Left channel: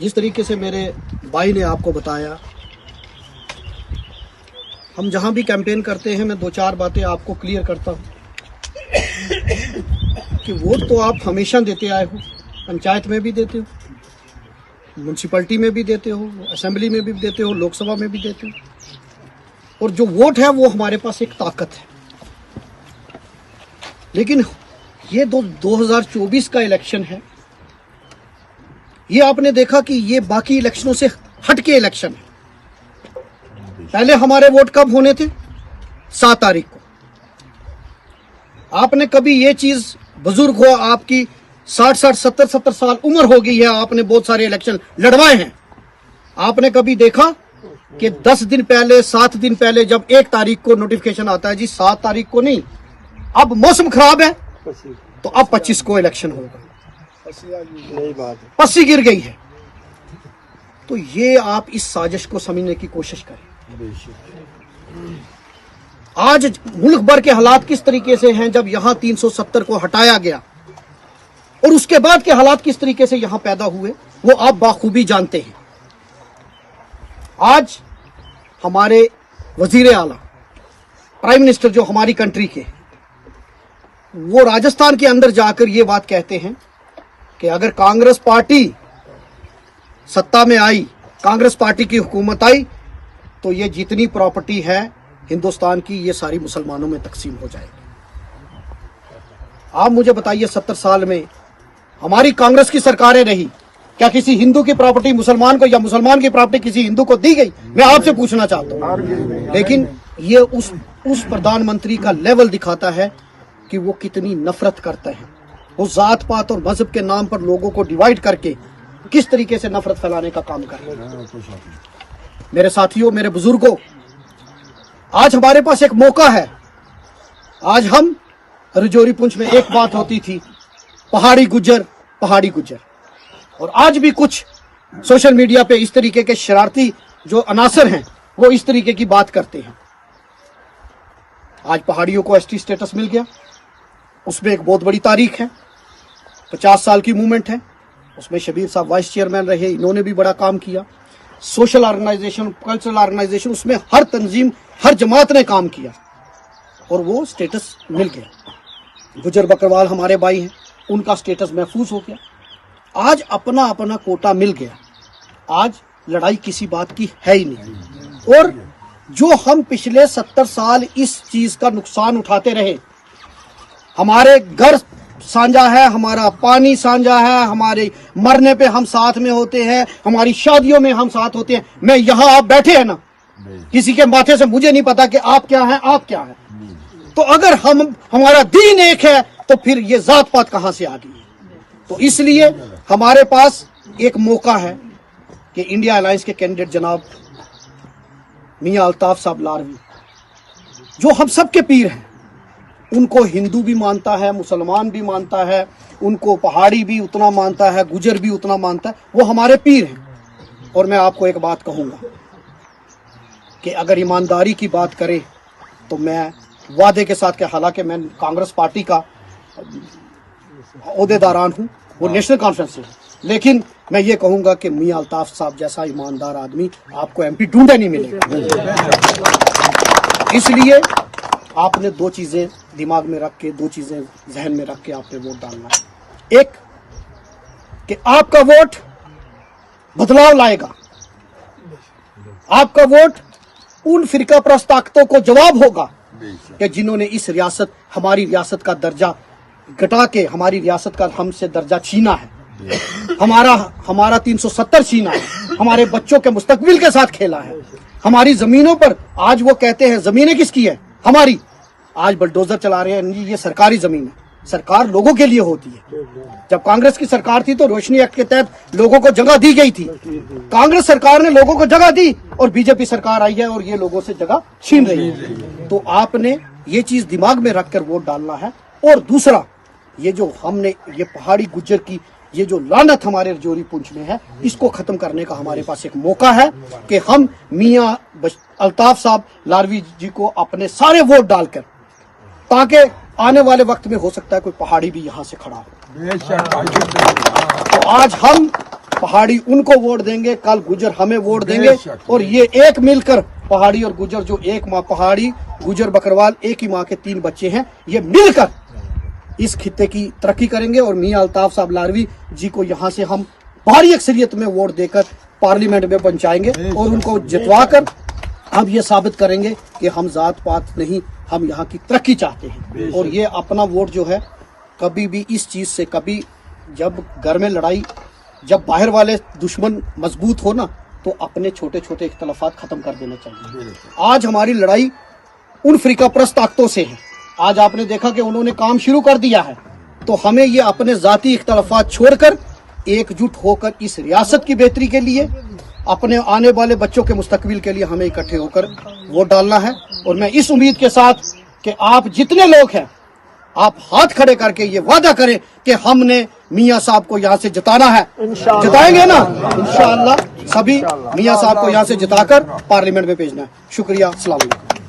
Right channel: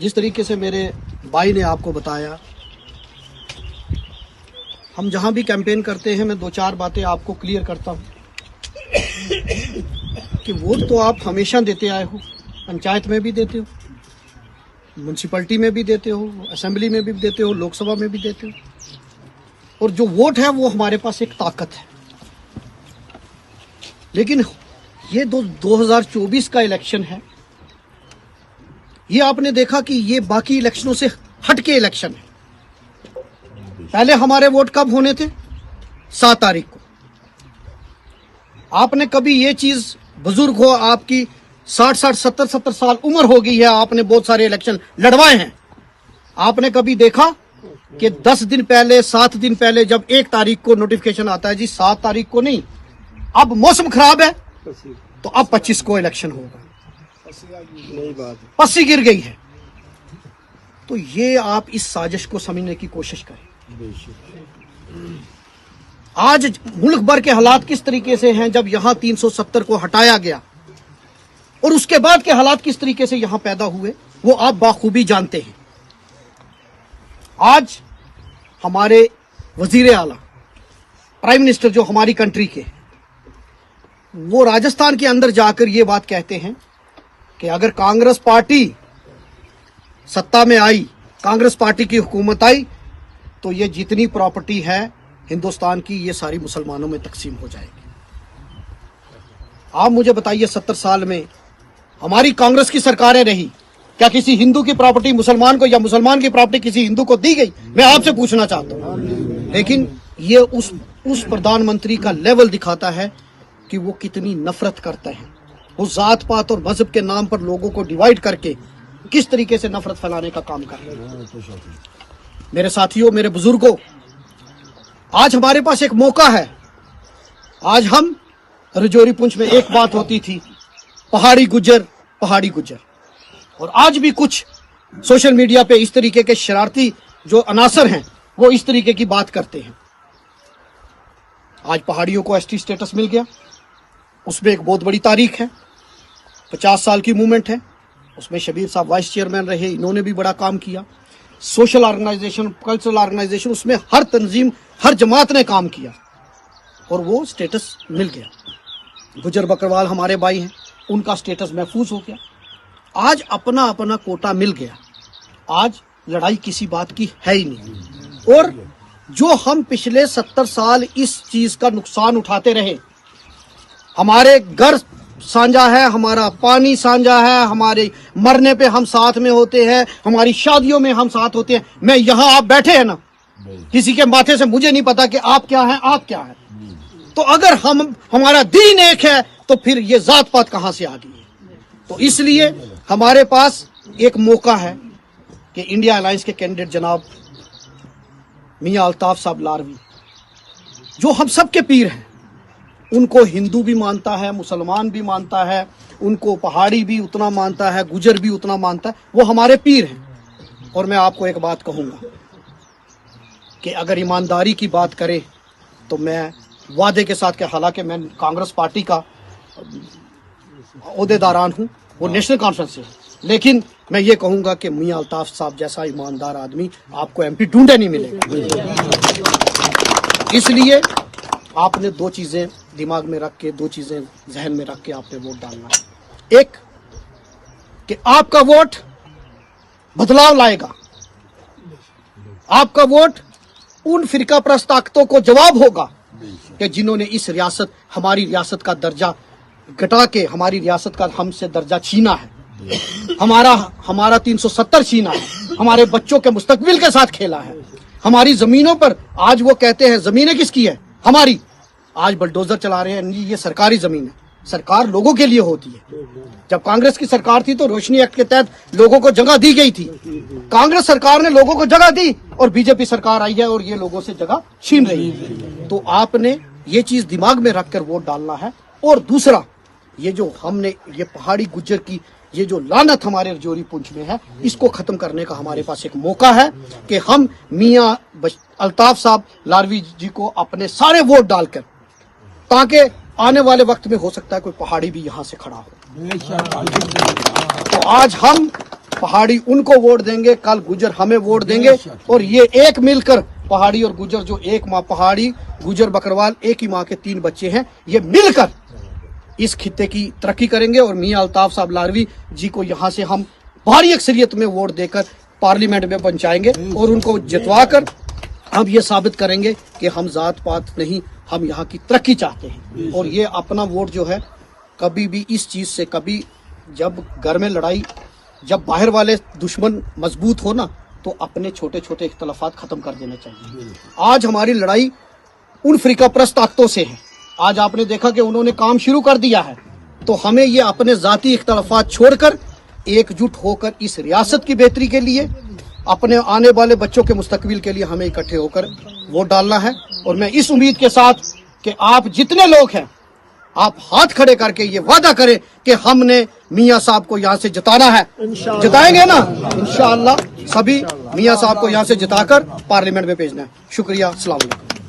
जिस तरीके से मेरे भाई ने आपको बताया, हम जहां भी कैंपेन करते हैं मैं दो चार बातें आपको क्लियर करता हूं कि वोट तो आप हमेशा देते आए हो, पंचायत में भी देते हो, म्यूनसिपैलिटी में भी देते हो, असेंबली में भी देते हो, लोकसभा में भी देते हो, और जो वोट है वो हमारे पास एक ताकत है। लेकिन ये 2024 का इलेक्शन है, ये आपने देखा कि ये बाकी इलेक्शनों से हटके इलेक्शन है। पहले हमारे वोट कब होने थे? 7 तारीख को। आपने कभी ये चीज, बुजुर्ग हो, आपकी 60 70 साल उम्र हो गई है, आपने बहुत सारे इलेक्शन लड़वाए हैं, आपने कभी देखा कि 10 दिन पहले, 7 दिन पहले जब 1 तारीख को नोटिफिकेशन आता है जी 7 तारीख को नहीं, अब मौसम खराब है तो अब 25 को इलेक्शन होगा, नई बात है, पस्सी गिर गई है। तो ये आप इस साजिश को समझने की कोशिश करें। आज मुल्क भर के हालात किस तरीके से हैं, जब यहां 370 को हटाया गया और उसके बाद के हालात किस तरीके से यहां पैदा हुए, वो आप बाखूबी जानते हैं। आज हमारे वजीर आला, प्राइम मिनिस्टर जो हमारी कंट्री के, वो राजस्थान के अंदर जाकर ये बात कहते हैं कि अगर कांग्रेस पार्टी सत्ता में आई, कांग्रेस पार्टी की हुकूमत आई, तो ये जितनी प्रॉपर्टी है हिंदुस्तान की, ये सारी मुसलमानों में तकसीम हो जाएगी। आप मुझे बताइए, 70 साल में हमारी कांग्रेस की सरकारें रही, क्या किसी हिंदू की प्रॉपर्टी मुसलमान को या मुसलमान की प्रॉपर्टी किसी हिंदू को दी गई? मैं आपसे पूछना चाहता हूं। लेकिन ये उस प्रधानमंत्री का लेवल दिखाता है कि वो कितनी नफरत करता है। वो जात पात और मजहब के नाम पर लोगों को डिवाइड करके किस तरीके से नफरत फैलाने का काम कर रहे हैं। मेरे साथियों, मेरे बुजुर्गों, आज हमारे पास एक मौका है। आज हम रजौरी पुंछ में एक बात होती थी, पहाड़ी गुज्जर, पहाड़ी गुज्जर, और आज भी कुछ सोशल मीडिया पे इस तरीके के शरारती जो अनासर हैं वो इस तरीके की बात करते हैं। आज पहाड़ियों को एसटी स्टेटस मिल गया, उसमें एक बहुत बड़ी तारीख है, 50 साल की मूवमेंट है, उसमें शबीर साहब वाइस चेयरमैन रहे, इन्होंने भी बड़ा काम किया। सोशल ऑर्गेनाइजेशन, कल्चरल ऑर्गेनाइजेशन, उसमें हर तंजीम, हर जमात ने काम किया और वो स्टेटस मिल गया। गुजर बकरवाल हमारे भाई हैं, उनका स्टेटस महफूज हो गया। आज अपना अपना कोटा मिल गया, आज लड़ाई किसी बात की है ही नहीं। और जो हम पिछले 70 साल इस चीज का नुकसान उठाते रहे, हमारे घर साझा है, हमारा पानी साझा है, हमारे मरने पे हम साथ में होते हैं, हमारी शादियों में हम साथ होते हैं। मैं यहाँ आप बैठे हैं ना, किसी के माथे से मुझे नहीं पता कि आप क्या हैं, आप क्या हैं। तो अगर हमारा दीन एक है तो फिर ये जात पात कहां से आ गई? तो इसलिए हमारे पास एक मौका है कि इंडिया अलायंस के कैंडिडेट जनाब मियां अल्ताफ साहब लारवी, जो हम सबके पीर हैं, उनको हिंदू भी मानता है, मुसलमान भी मानता है, उनको पहाड़ी भी उतना मानता है, गुजर भी उतना मानता है, वो हमारे पीर हैं। और मैं आपको एक बात कहूंगा कि अगर ईमानदारी की बात करें तो मैं वादे के साथ, कि हालांकि मैं कांग्रेस पार्टी का ओहदेदारान हूं, वो नेशनल कॉन्फ्रेंस से, लेकिन मैं ये कहूंगा कि मियां अल्ताफ साहब जैसा ईमानदार आदमी आपको एमपी ढूंढे नहीं मिलेगा। इसलिए आपने 2 चीजें दिमाग में रख के, 2 चीजें जहन में रख के आपने वोट डालना है। एक कि आपका वोट बदलाव लाएगा, आपका वोट उन फिरका परस्त ताकतों को जवाब होगा कि जिन्होंने इस रियासत, हमारी रियासत का दर्जा घटा के हमारी रियासत का हमसे दर्जा छीना है, हमारा 370 छीना है, हमारे बच्चों के मुस्तकबिल के साथ खेला है, हमारी जमीनों पर, आज वो कहते हैं जमीनें किसकी है, हमारी, आज बुलडोजर चला रहे हैं, ये सरकारी जमीन है। सरकार लोगों के लिए होती है। जब कांग्रेस की सरकार थी तो रोशनी एक्ट के तहत लोगों को जगह दी गई थी, कांग्रेस सरकार ने लोगों को जगह दी, और बीजेपी सरकार आई है और ये लोगों से जगह छीन रही है। तो आपने ये चीज दिमाग में रखकर वोट डालना है। और दूसरा, ये जो हमने ये पहाड़ी गुज्जर की ये जो लानत हमारे रजौरी पुंछ में है, इसको खत्म करने का हमारे पास एक मौका है कि हम मियां अल्ताफ साहब लारवी जी को अपने सारे वोट डालकर, ताकि आने वाले वक्त में हो सकता है कोई पहाड़ी भी यहां से खड़ा हो। तो आज हम पहाड़ी उनको वोट देंगे, कल गुजर हमें वोट देंगे, और ये एक मिलकर पहाड़ी और गुजर जो एक माँ, पहाड़ी गुजर बकरवाल एक ही माँ के 3 बच्चे हैं, ये मिलकर इस खित्ते की तरक्की करेंगे। और मियां अल्ताफ साहब लारवी जी को यहाँ से हम भारी अक्सरियत में वोट देकर पार्लियामेंट में पहुंचाएंगे और उनको जितवा कर हम ये साबित करेंगे कि हम जात पात नहीं, हम यहाँ की तरक्की चाहते हैं। और ये अपना वोट जो है, कभी भी इस चीज से, कभी जब घर में लड़ाई, जब बाहर वाले दुश्मन मजबूत हो ना, तो अपने छोटे छोटे इख्तलाफात खत्म कर देना चाहिए। आज हमारी लड़ाई उन फिरका परस्त ताकतों से है। आज आपने देखा कि उन्होंने काम शुरू कर दिया है, तो हमें ये अपने जाती इख्तलाफात छोड़कर एकजुट होकर इस रियासत की बेहतरी के लिए, अपने आने वाले बच्चों के मुस्तकबिल के लिए हमें इकट्ठे होकर वोट डालना है। और मैं इस उम्मीद के साथ कि आप जितने लोग हैं, आप हाथ खड़े करके ये वादा करें कि हमने मियां साहब को यहाँ से जिताना है। जिताएंगे ना इंशाअल्लाह, सभी मियां साहब को यहाँ से जिताकर पार्लियामेंट में भेजना है। शुक्रिया, अस्सलाम वालेकुम।